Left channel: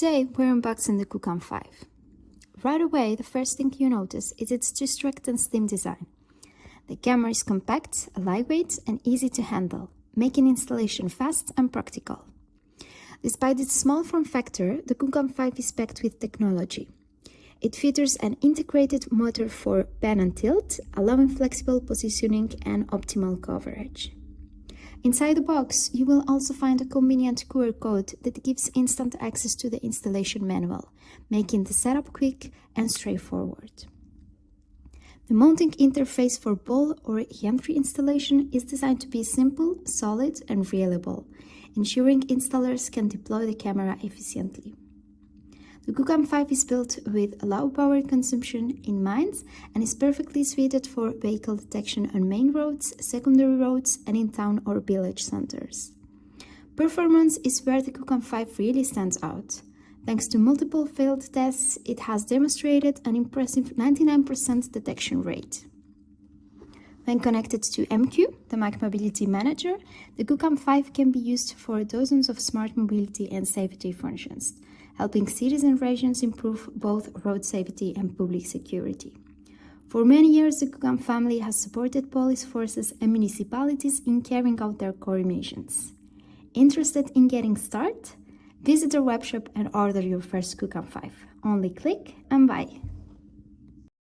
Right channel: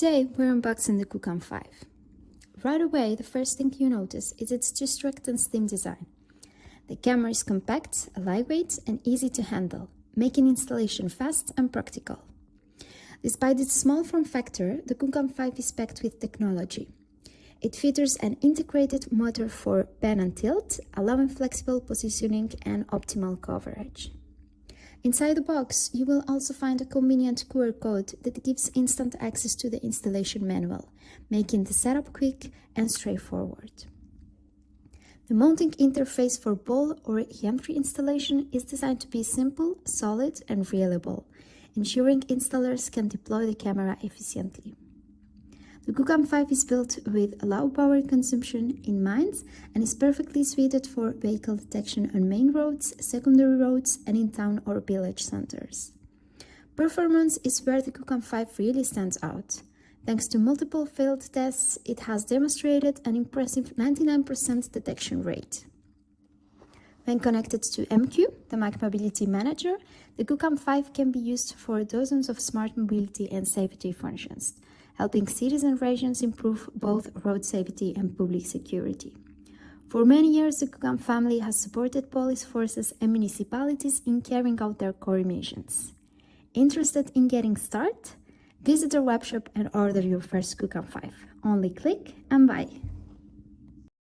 Today we're unboxing the QCAM5. Right away, the first thing you notice is its strict and slim design. The camera is compact, lightweight and easy to handle, making installation fast and practical. Despite its small form factor, the QCAM5 is packed with technology. It features an integrated motor for pan and tilt, allowing flexible positioning and optimal coverage. Inside the box, you will also find a convenient QR code that gives instant access to the installation manual, making the setup quick and straightforward. The mounting interface for ball or gantry installation is designed to be simple, solid and reliable, ensuring installers can deploy the camera efficiently. The QCAM5 is built with low power consumption in mind and is perfectly suited for vehicle detection on main roads, secondary roads, and in town or village centers. Performance is where the QCAM5 really stands out. Thanks to multiple failed tests, it has demonstrated an impressive 99% detection rate. When connected to MQ, the Mac Mobility Manager, the QCAM5 can be used for dozens of smart mobility and safety functions, helping cities and regions improve both road safety and public security. For many years, the QCAM family has supported police forces and municipalities in carrying out their core missions. Interested in getting started? Visit our webshop and order your first QCAM5. Only click and buy.